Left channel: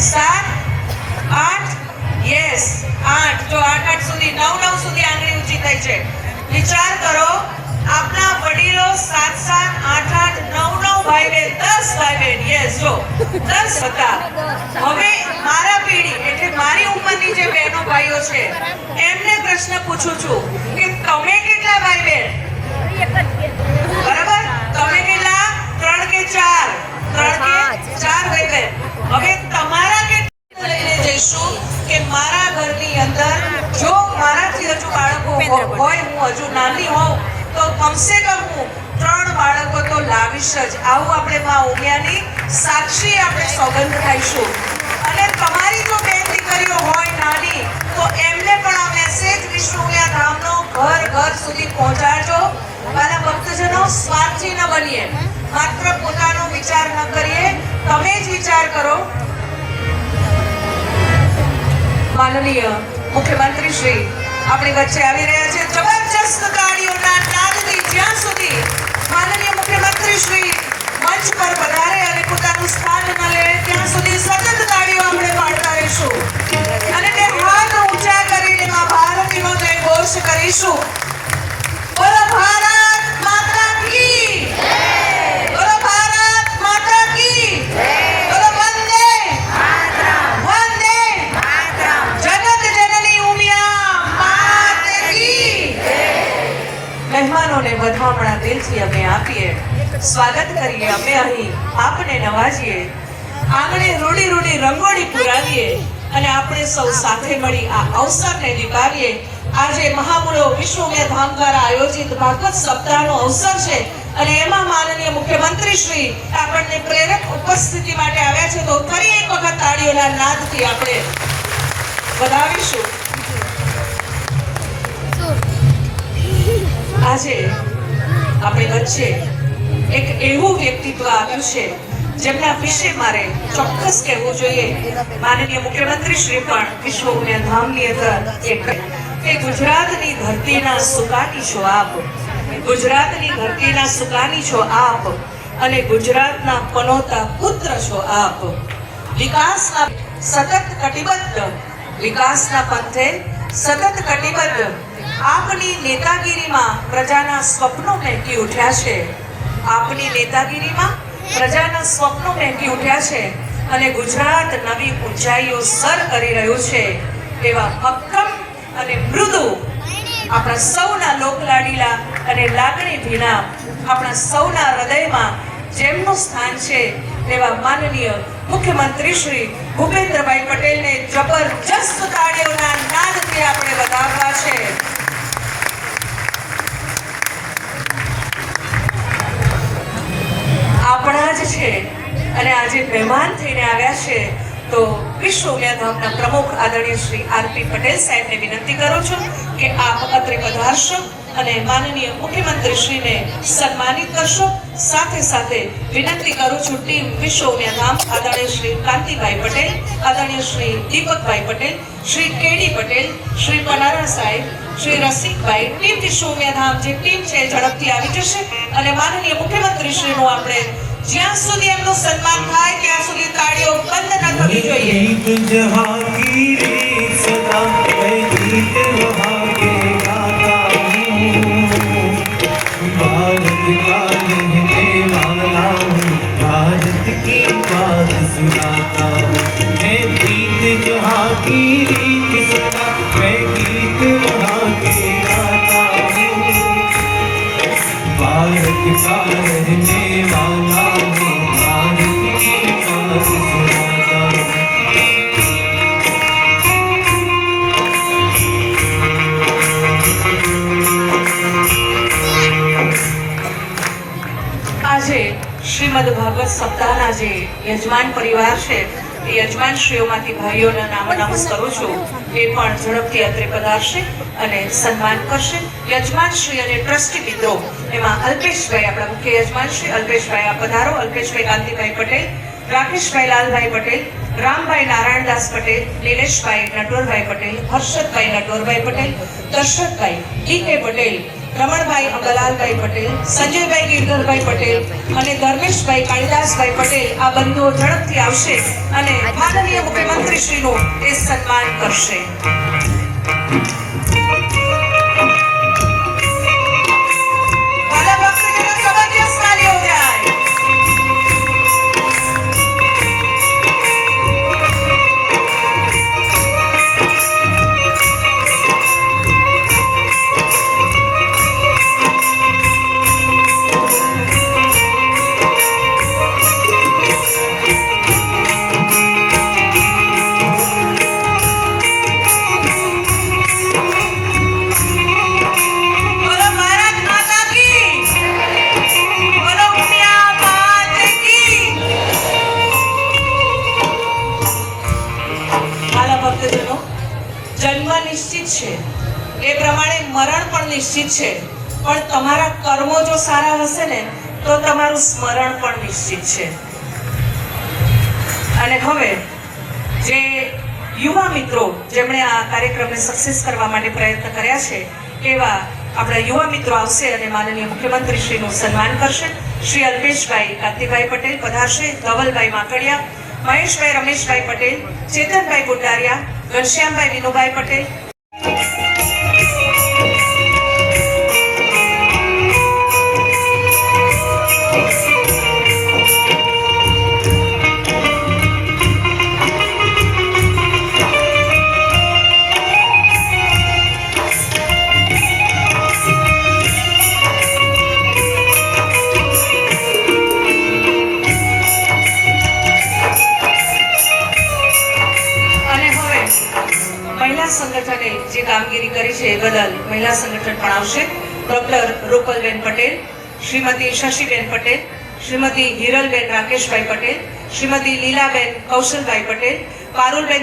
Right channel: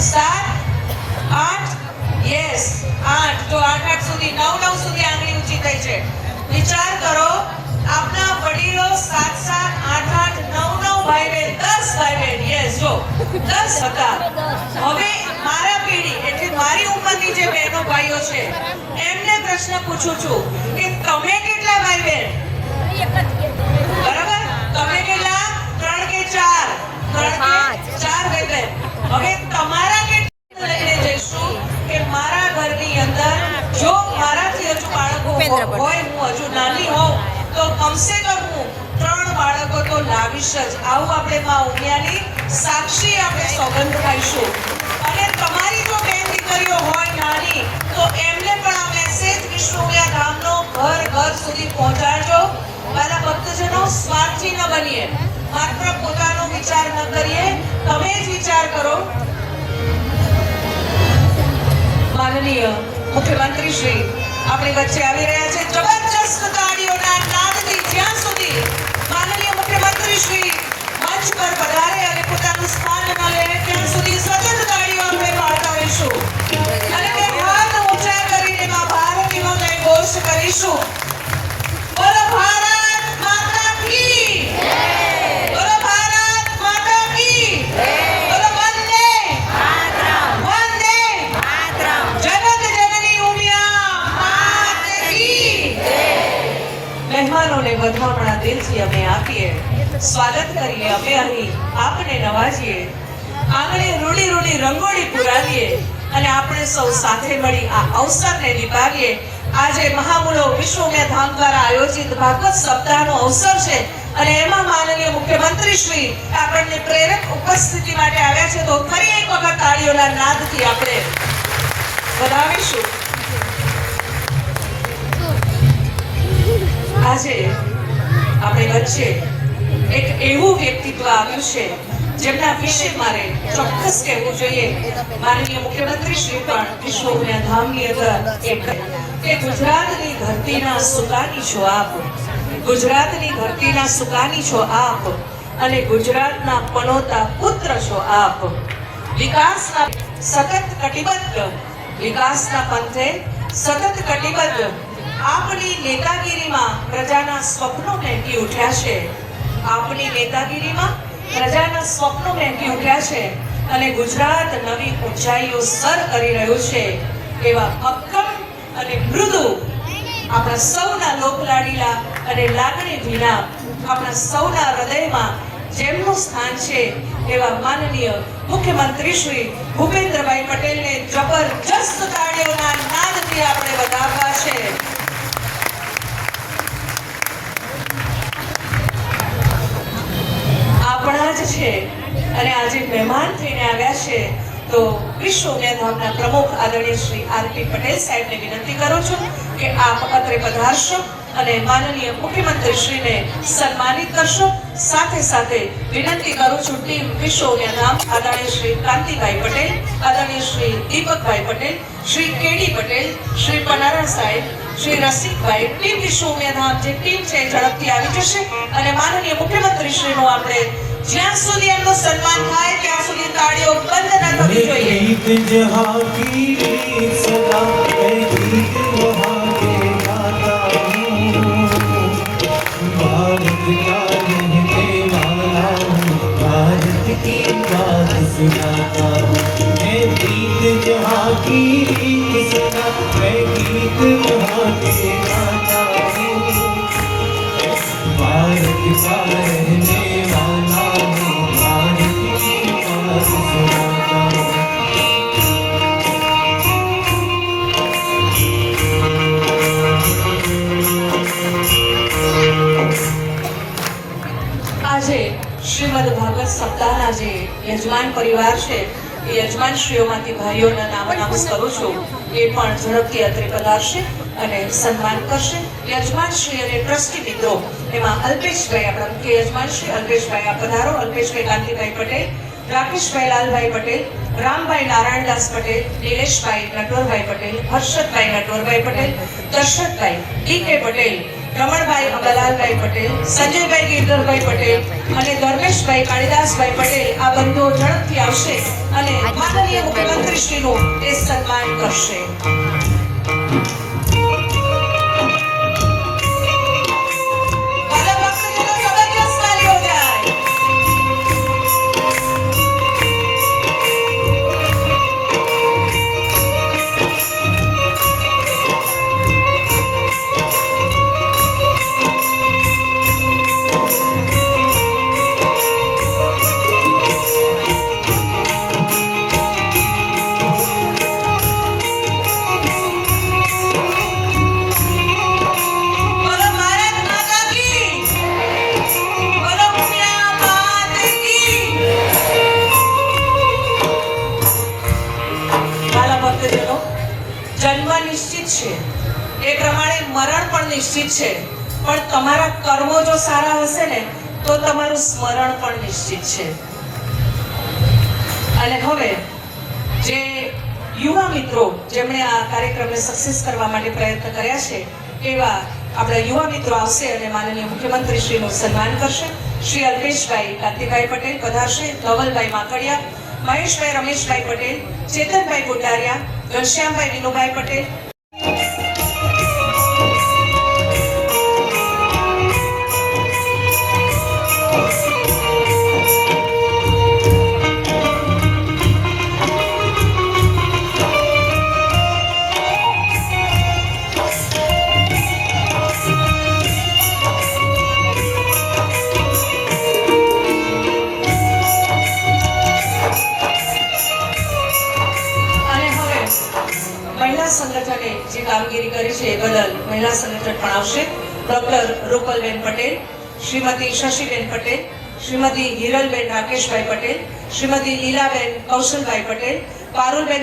7 8 yes 8 જો 8 સુધી 9 સુધી આંગળી ઊંચી થઈ છે. વિચાર કરો આપના વડીલો 7 8 9 ભાઈ બહેન 10 ભાઈ બહેન યસ જો 10 હતા. હવે મારા પેઢી એટલે મારી ઉંમરની જે બહેનો ભાઈઓ છે એમને પ્રશ્ન પૂછું છું કે તમે કેટલા ભાઈ બહેન? બરાબર, તમે કેટલા? 3 કે 4? 3 કે 4 ભાઈ બહેન. હવે તમારા કેટલા લઈને જઈશું કે મારા ઘરની અંદર જો મારાથી હજુ બાળકો હોય, હું હજુ નાની હોઉં તો કમસે કમ હું 3 બાળકો તો લાવીશ જ. આવું આપણે માં ઉમિયાની સાક્ષી આપણે સોગંદ ખાઈશું. અને તમારી જો બેન દીકરીઓ હોય નાની તો એમને પણ આ મેસેજ વિશ્વ ઉમિયા ધામનો ઘર સુધી પહોંચાડજો. મારા ભક્તજનો, સ્વાર્થી ન બનીએ, માત્ર પોતાનો વિચાર ન કરીએ. તમે જ વિચાર કરો. માનનીય મુખ્યમંત્રી શ્રી આપણી વચ્ચે આવી રહ્યા છે. જબરજસ્ત તાળીઓના નાદથી જ્યાં સુધી માનનીય મુખ્યમંત્રી શ્રી મંચ પર પધારે અને પોતાનું સ્થાન ન લે ત્યાં સુધી સતત તાળીઓ આપણે પાડતા રહીશું અને તે હાથ ઊંચા કરીને માં ભારતીનો જય ઘોષ કરીશું. બોલો ભારત માતા કી જય! બોલો ભારત માતા કી જય! બોલો વંદે માતરમ! વંદે માતરમ! જગત જનની ઉમિયા માત કી જય! મહેમાનોને વધામણા દિલથી અમે આપીએ, સ્વાગત કરીએ. અમે અહીં આપને નવાજીએ, આંગણે રૂડી રંગોળી પુરાવીએ અને આપણે સૌ સાથે મળી આ અવસરને નિભાવીએ. આજે મહામૂલો વિશ્વ ઉમિયા ધામ દ્વારા આયોજિત ભાગવત સપ્તાહનો અવસર છે અને એમાં માનનીય મુખ્યમંત્રી શ્રી આપણને પ્રેરક ઉપસ્થિતિ માટે આવ્યા છે. તો ફરી એક વખત તાળીઓના નાદથી આપણે વધાવીશું. આજે આપણે વચ્ચે એક એવું વ્યક્તિત્વ આવ્યું છે જેમના વિશે મારે ચોક્કસ કહેવું જોઈએ. માનનીય મુખ્યમંત્રી શ્રી પણ વિશ્વ ઉમિયા ધામની અંદર એક કે ગુજરાતની ધરતીના સુકાની છો આપ, ગુજરાતની ધરતીના સુકાની છો આપ અને ગુજરાતના પનોતા પુત્ર છો આપ. વિકાસના સતત કટિબદ્ધ, વિકાસના પંથે સતત કટિબદ્ધ આપની નેતાગીરીમાં પ્રજાના સ્વપ્નો મહેકી ઉઠ્યા છે. આપની નેતાગીરીમાં પ્રજાના સ્વપ્નો મહેકી ઉઠ્યા છે અને ગુજરાત નવી ઊંચાઈઓ સર કરી રહ્યું છે. એવા મક્કમ અને મૃદુ આપણા સૌના લોકલાડીલા અને લાગણી ભીના આપણા સૌના હૃદયમાં જેમનું સ્થાન છે એવા માનનીય મુખ્યમંત્રી શ્રી ભૂપેન્દ્રભાઈ પટેલને જબરજસ્ત તાળીઓના નાદથી આપણે વધાવવા છે. આપણા જ છે અને આજે મહેમાન થઈને આવ્યા છે. તો વિશ્વ ઉમિયા ધામના પ્રમુખ આદરણીય શ્રી આરપી પટેલ સાહેબને વિનંતી કરું છું કે આપ અત્રે પધારશો અને માનનીય મુખ્યમંત્રી શ્રીને સન્માનિત કરશો. સાથે સાથે વિનંતી કરું છું ટીમ વિશ્વ ઉમિયા ધામ, આદરણીય શ્રી કાંતિભાઈ પટેલ, આદરણીય શ્રી દીપકભાઈ પટેલ, શ્રી કેડી પટેલ, શ્રી પનારા સાહેબ, શ્રી રસિકભાઈ, ટીમ વિશ્વ ઉમિયા ધામ જે ટીમ છે ઝડપથી આવી જશે અને માનનીય મુખ્યમંત્રી શ્રીનું આપણે જ્યાં સુધી એમનું સન્માન થાય ત્યાં સુધી તાળીઓ બંધ ન થવી જોઈએ. गीत जहाँ की रीत सदा मैं गीत वहाँ के गाता हूँ. भारत का रहने वाला हूँ, भारत की बात सुनाता हूँ. मैं गीत जहाँ की रीत सदा मैं गीत वहाँ के गाता हूँ. भारत का रहने वाला हूँ, भारत की बात सुनाता हूँ. આજે શ્રીમદ ભાગવત સપ્તાહના જે યજમાન પરિવાર છે એ યજમાનશ્રીઓમાંથી ભાઈઓના નામ અનાઉન્સ કરું છું. એ પણ ઝડપથી અત્રે પધારશે અને સન્માન કરશે. યજમાનશ્રી અને ટ્રસ્ટી મિત્રો એમાં અલ્પેશભાઈ, આપણા મુખ્ય યજમાનશ્રી અલ્પેશભાઈ, આ પધારો. અલ્પેશભાઈ કાંતિભાઈ પટેલ, રાકેશભાઈ લાલભાઈ પટેલ, રામભાઈ નારાયણદાસ પટેલ, નિલેશભાઈ નટવરભાઈ પટેલ, હર્ષદભાઈ નટવરભાઈ પટેલ, દર્શકભાઈ ડી કે પટેલ, રમણભાઈ અંબાલાલભાઈ પટેલ, સંજયભાઈ ગિરધરભાઈ પટેલ અને ધર્મેશભાઈ કાળીદાસભાઈ પટેલ આ બંધુઓ ઝડપથી આવશે અને માનનીય મુખ્યમંત્રી શ્રીનું એ સન્માન કરશે. જન્મ નિશ્ચિત છે, એ પ્રમાણે મરણ પણ નિશ્ચિત છે, પણ તમારા કર્મો જો સારા હશે ને તો તમારું સ્મરણ પણ નિશ્ચિત છે. અને હવે જે યુવા મિત્રો જેમણે આ કાર્યક્રમને સક્સેસ કરવા માટે પ્રયત્ન કર્યા છે એવા આપણા યુવા મિત્રો આવશે અને માનનીય મુખ્યમંત્રી શ્રીનું સન્માન કરશે. શ્રી અલ્પેશભાઈ કાંતિભાઈ પટેલ પધારશે, ધવલભાઈ માકડિયા, મહેશભાઈ રમેશભાઈ પટેલ, ચેતનભાઈ ગુંડારિયા, ઘનશ્યામભાઈ વિનુભાઈ પટેલ. સંગઠને જે કામગીરી કરી છે એ બદલ મહિલા સંગઠન પણ આવશે. ડોક્ટર રૂપલબેન પટેલ, શ્રીમતી શશીબેન પટેલ, શ્રીમતી હિરલબેન રાકેશભાઈ પટેલ, શ્રીમતી લીલાબેન કૌશલભાઈ પટેલ, પારુલબેન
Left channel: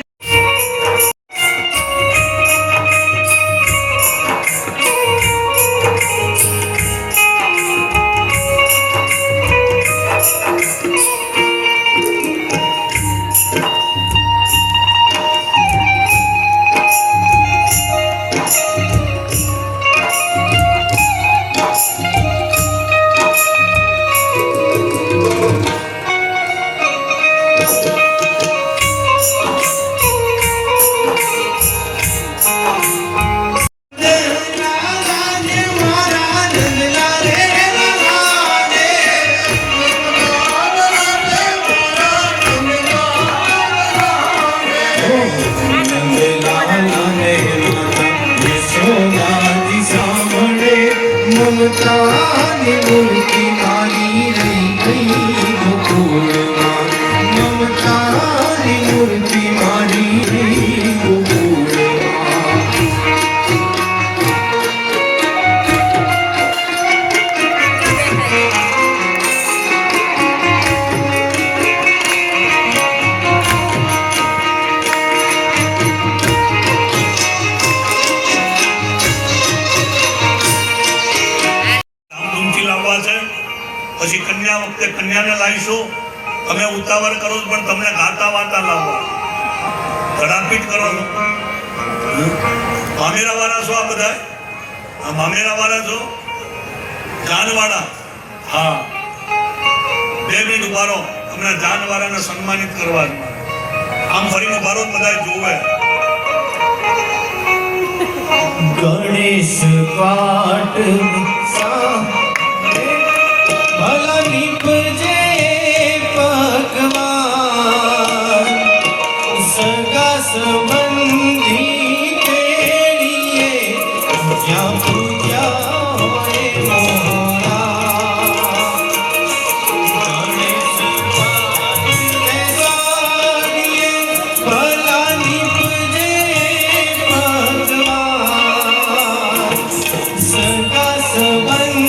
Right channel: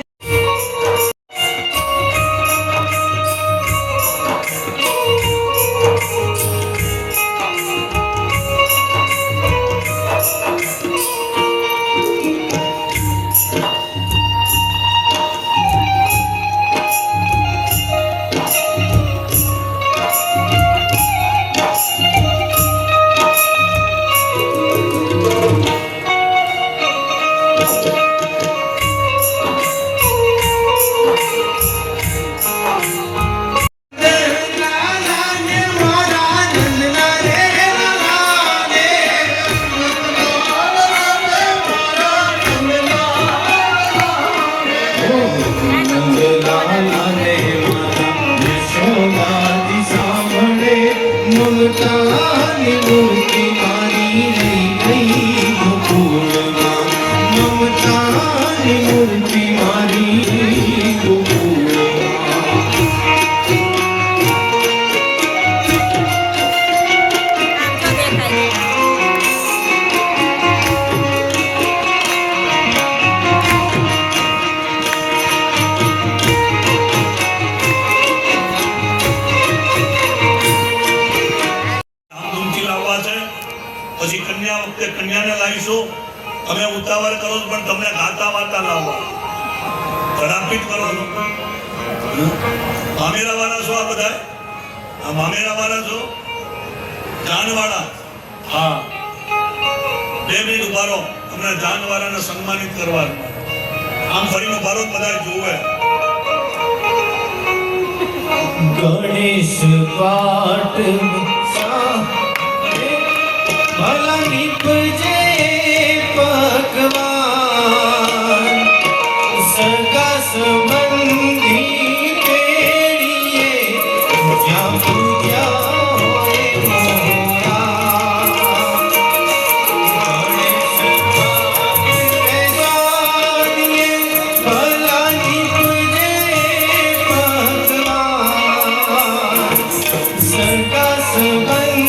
પછી કન્યા વખતે કન્યાને લાવીશું. તમે ઉતાવળ કરો છો પણ તમને ગાતા વાતા લાવવા ધડાપીટ કરો છો. મામેરા વાળા છો આ બધા? આ મામેરા વાળા છો? જાનવાળા? હા, 2 મિનિટ ઉભા રહો. તમને જાનવાળાને સન્માનિત કરવા આમ ફરીને ઉભા રહો, બધા જોવે. ગણેશ પાઠ ભલા નીપજે પકવાન, સગા સંબંધી પેડીએ જ્યાં પૂજા હોય મોરા. ગણેશ ભલા નીપજે પકવાન, સગા સંબંધી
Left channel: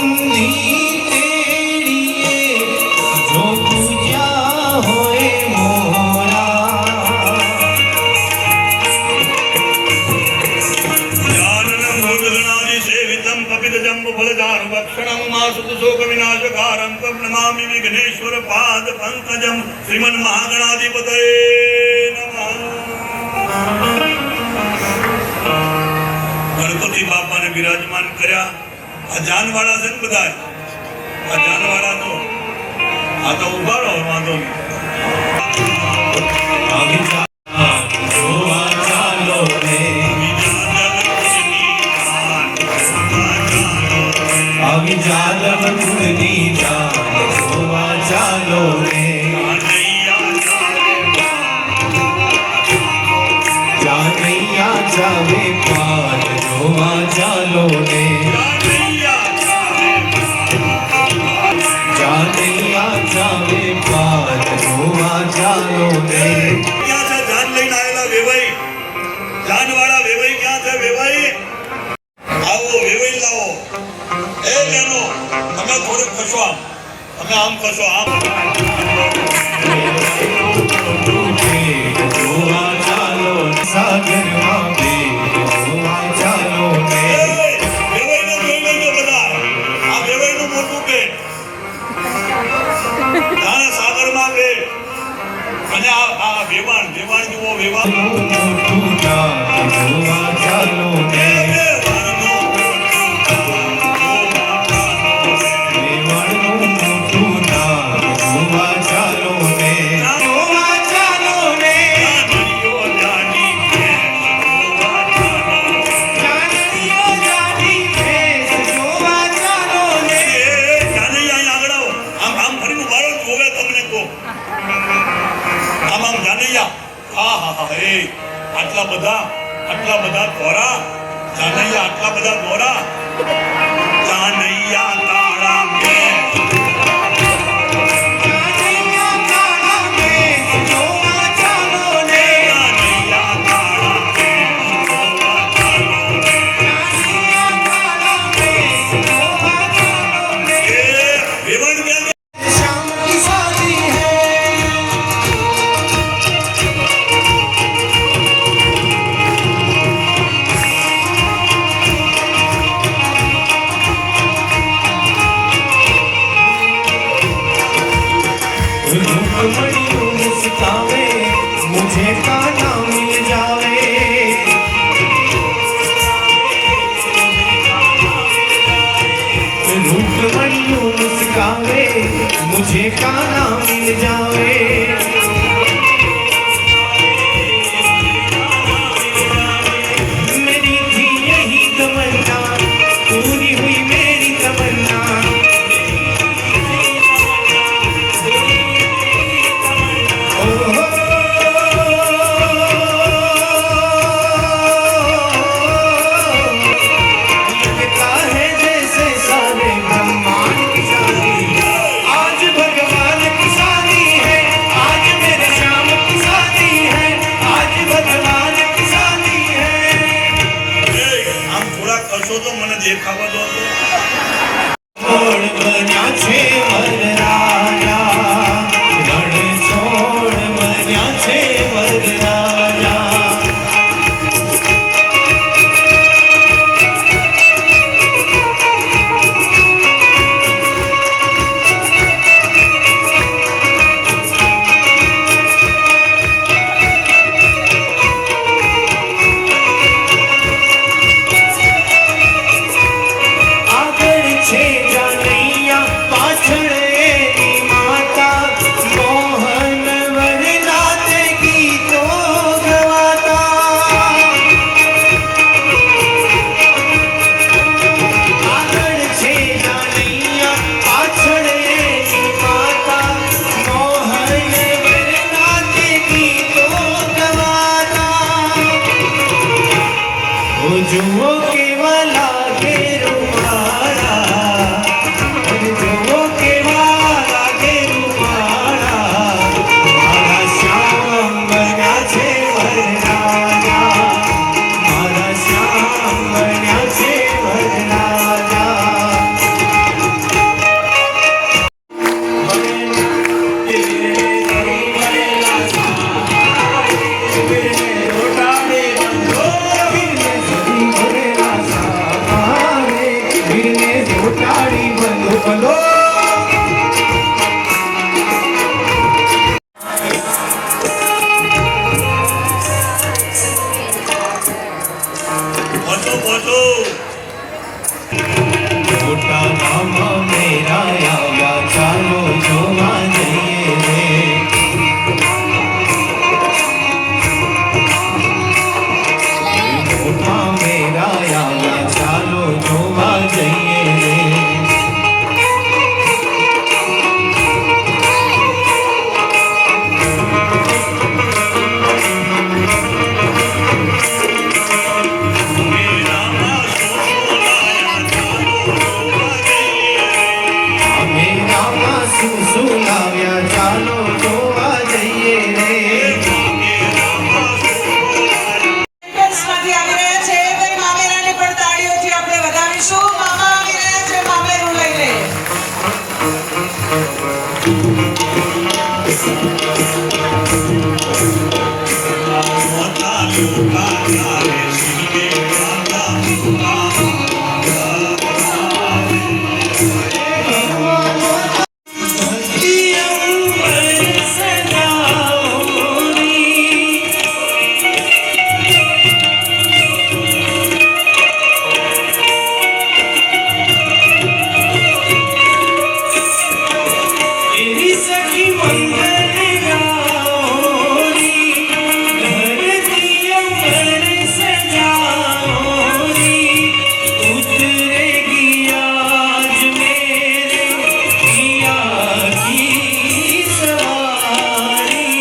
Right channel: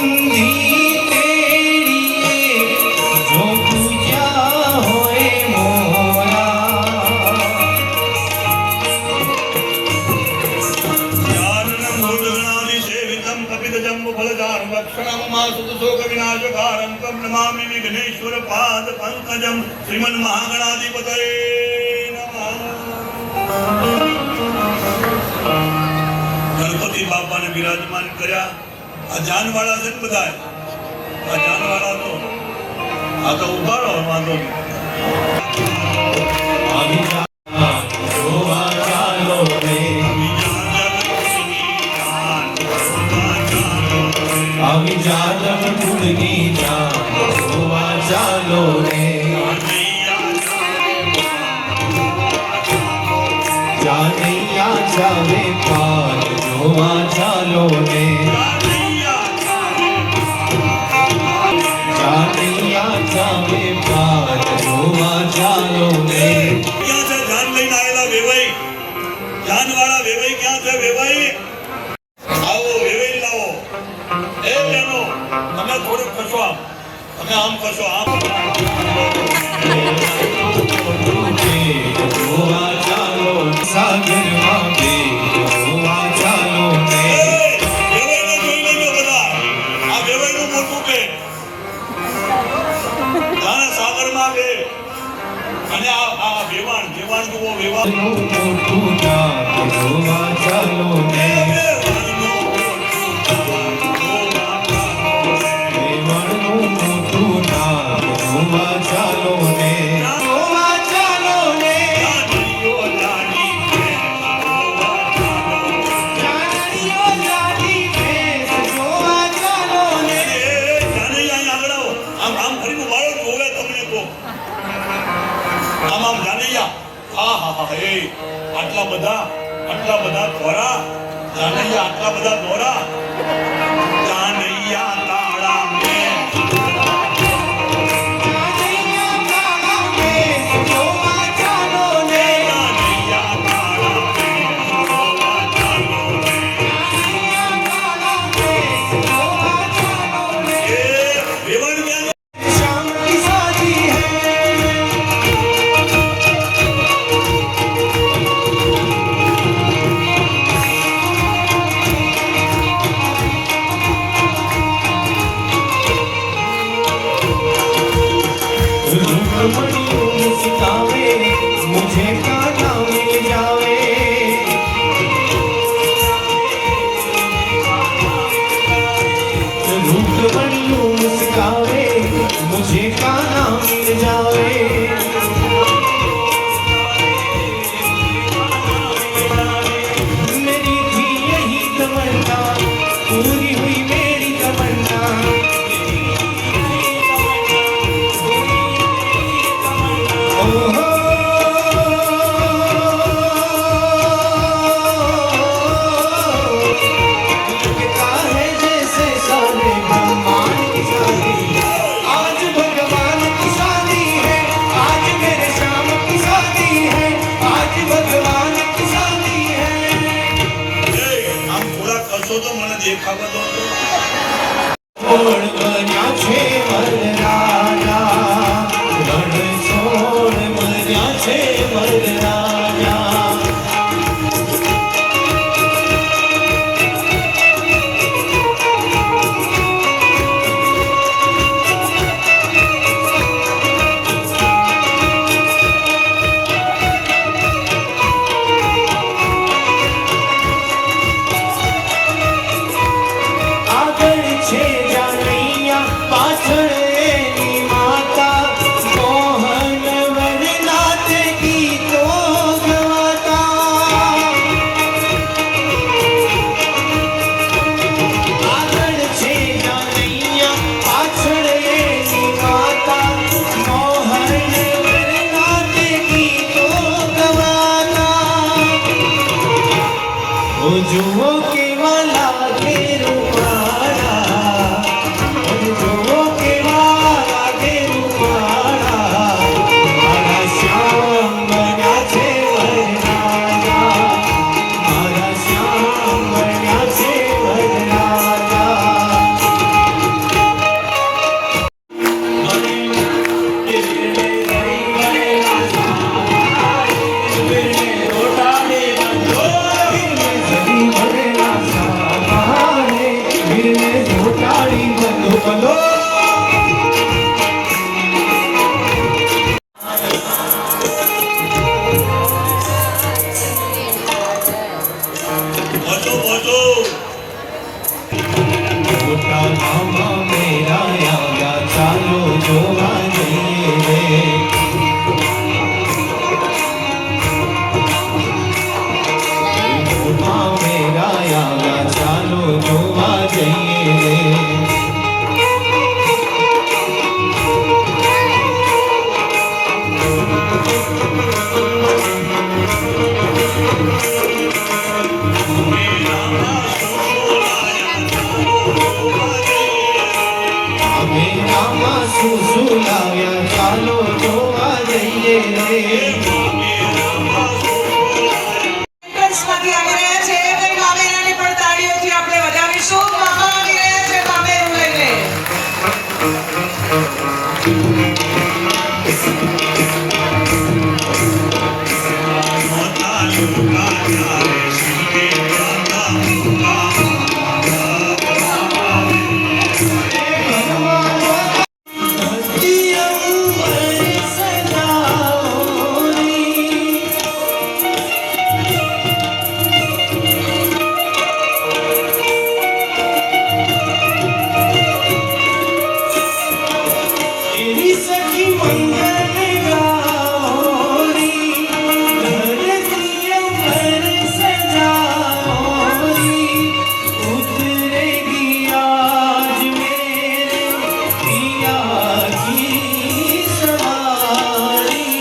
નમામિ વિઘ્નેશ્વર પાદ પંકજમ શ્રીમન મહાગણાધિપતયે નમઃ. ગણપતિ બાપાને બિરાજમાન કર્યા આ જાનવાળા છે ને બધા, આ જાનવાળા તો આ તો ઉભા રહો, વાંધો નહીં. જોવા ચાલો રે, આવી જાદવ કુળની જાન જોવા ચાલો રે, જાનૈયા જાવે પાર જોવા ચાલો રે, જાનૈયા જાવે પાર જોવા ચાલો રે. ક્યાં છે જાન લઈને આવેલા વેવાઈ? જાનવાળા વેવાઈ ક્યાં છે? વેવાઈ આવો, વેવાઈ લાવો. એ બહેનો, તમે થોડુંક ખસો આમ, તમે આમ ખસો આમ. જોવા ચાલો સાગરમાં બેટ જોવા ચાલો રે, વેવાઈને જોઈ લેજો બધા. આ વેવાઈનું મોટું પેટ, જાણે સાગરમાં બેટ. અને આ વેવાણ જુઓ, વેવાણ. મોટું જાત જોવા ચાલો રે, વેવાણનું મોટું નામ જોવા ચાલો રે, જોવા ચાલો રે, જાનૈયો જાડી ભેંસ જોવા ચાલો રે. જાનૈયા આગળ આવો. આમ ફરીને મારો જોવે તમને કહો. આમ જાનૈયા. હા, એ આટલા બધા દોરા. જાનૈયા આટલા બધા દોરા. જાનૈયા તાળા મેં જોવા ચાલો રે, જાનૈયા તાળા મેં જોવા ચાલો. એ વેવાણ બેન शाम की शादी है, रूपमणियों मुस्कावे मुझे काना मिल जावे, रूपमणियों मुस्कावे मुझे काना मिल जावे, मेरी थी यही तमन्ना पूरी हुई मेरी तमन्ना, ओहो लगता है जैसे सारे ब्रह्मांड की शादी, आज भगवान की शादी है, आज मेरे श्याम की शादी है, आज भगवान की शादी है. આમ થોડા ખસો તો મને દેખાવા દો તો. છોડ બન્યા છે વરરાજા, રણ છોડ બન્યા છે વરરાજા. આગળ છે જાનૈયા, પાછળ એની માતા, મોહન વરનાથ ગીતો ગવાતા. આગળ છે જાનૈયા, પાછળ એની માતા, મોહન વરનાથ ગીતો ગવાતા. ઓ જુઓ કેવા લાગે રૂપાળા, જુઓ કેવા લાગે રૂપાળા, મારા શ્યામ બન્યા છે વરરાજા, મારા શ્યામ બન્યા છે વરરાજા. ઓટાડે બંધો ઓટાડી બંધો બંધો. પહોંચો. મોટા નામા મેરા આવ્યા ચાલો જોવા જઈએ રે મોટા મેરા આવ્યા ચાલો જોવા જઈએ રે મેરામાં શું શું લાવ્યા ચાલો જોવા જઈએ રે એન્ટ્રન્સમાંથી આવી રહ્યા છે કઈ મામેરાને પણ તાળીઓથી આપણે વધાવીશું મામા આવી રહ્યા છે મામેરું લઈને એવી સખી મંગલ ગાઓરી ધરતી અંબર સજાઓરી ઉતરેગી આજ મેરે પિયા કી સવારી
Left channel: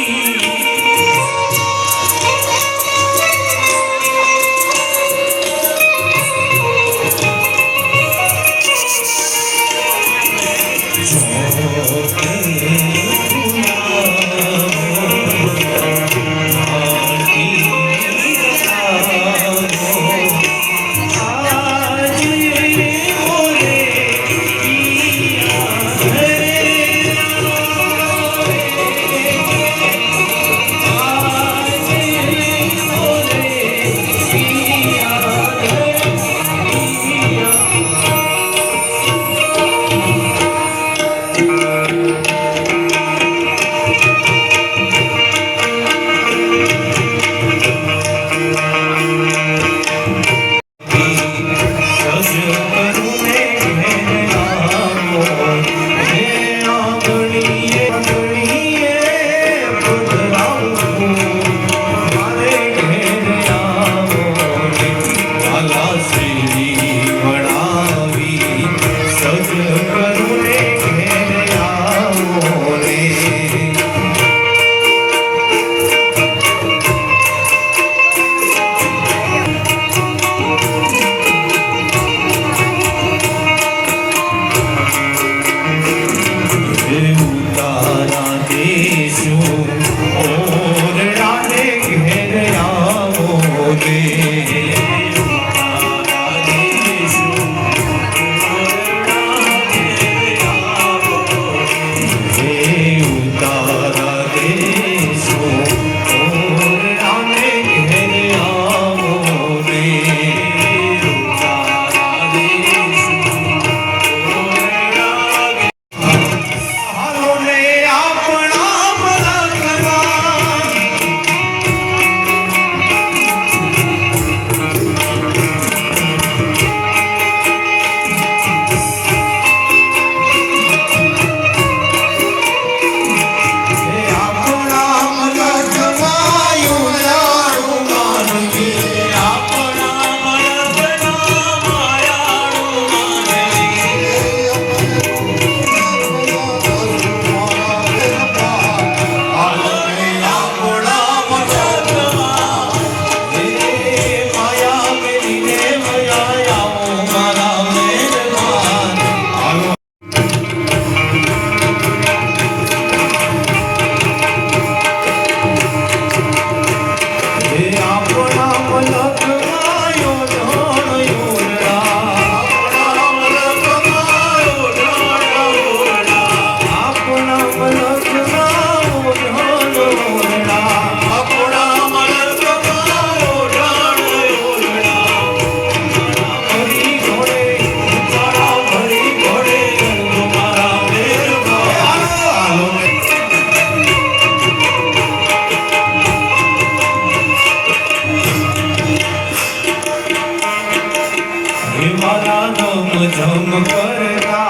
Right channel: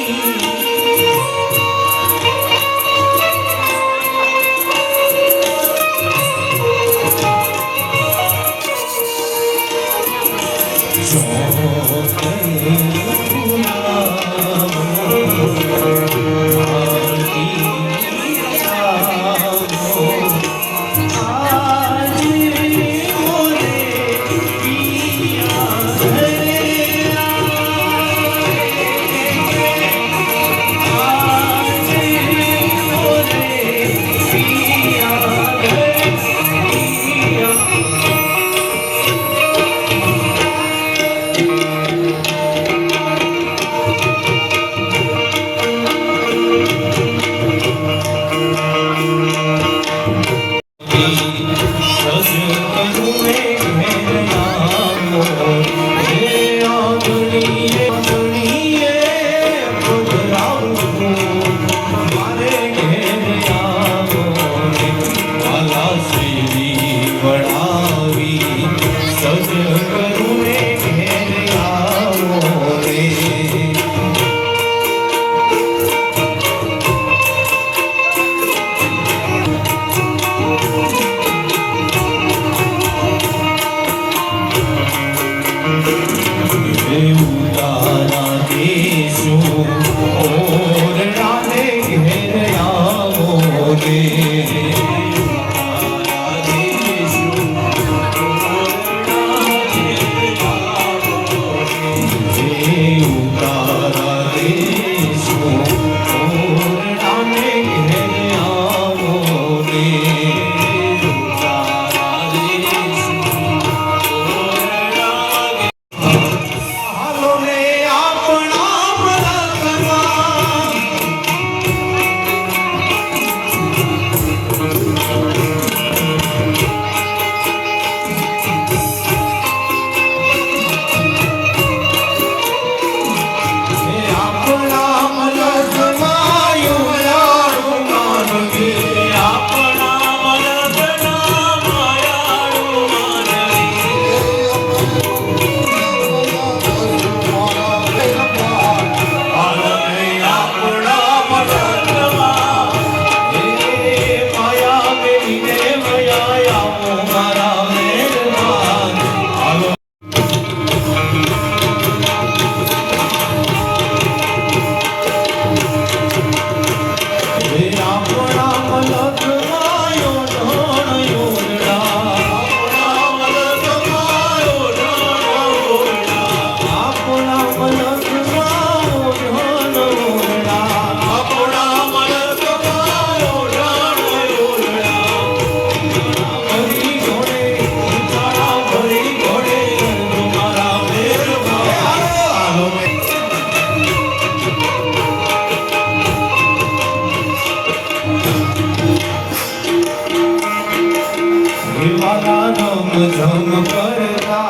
झम करता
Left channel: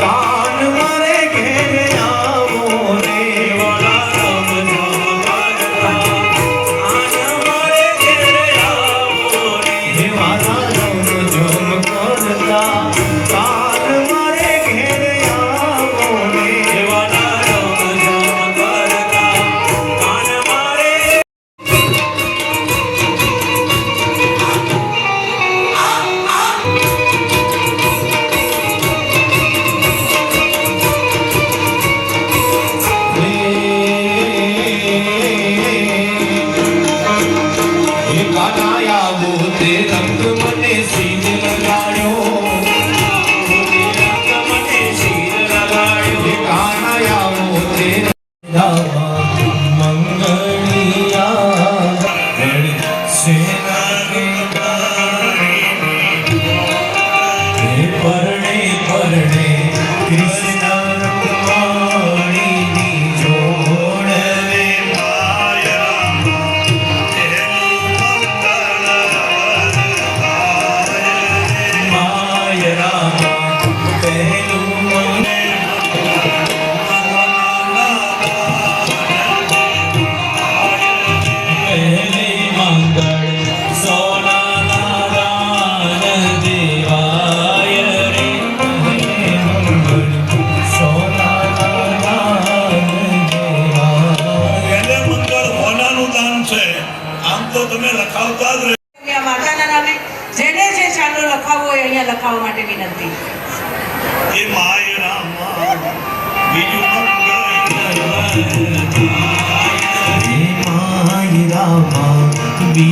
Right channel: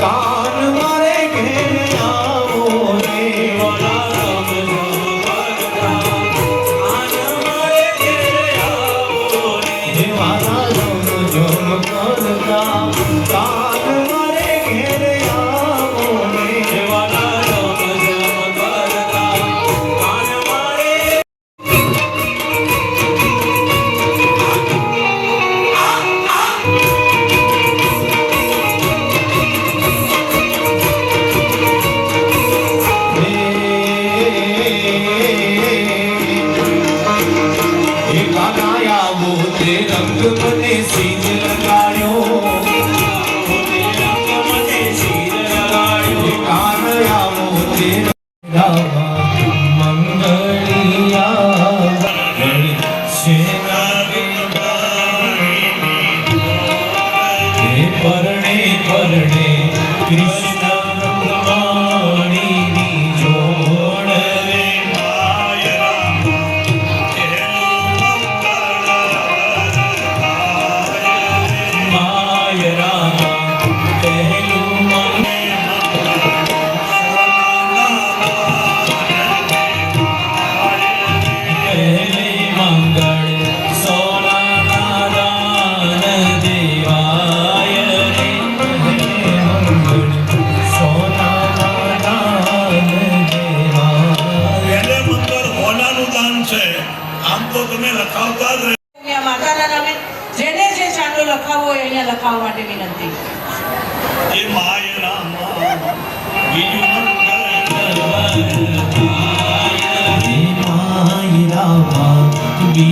कान मारे घेर आवो रे वाला राम झम करता कान मारे घेर आवो रे वाला राम झम करता कान मारे घेर आवो रे वाला राम झम करता कान मारे गाया वो ते रंग मने सीन लगायो रंग मने सीन लगायो गाया वो ते गावा मंगलिया गण सेना परणे परणे कृष्ण रंगवाणी जोड़ रे माय राम पहलू पहले मंगल सोना नारायण देवाय रे पहले मंगल सोना नारायण देवाय એટલે મંગળ હોનાનું દાન છે. આમ તો તમે લખાવતા જ રહે. અહીંયા માતાના નામે જેને જે ચાંદલો લખાવવો હોય અહીંયા લખાવવા માટે વિનંતી. એ માય રામ બીજું મંગળ माय रामा वी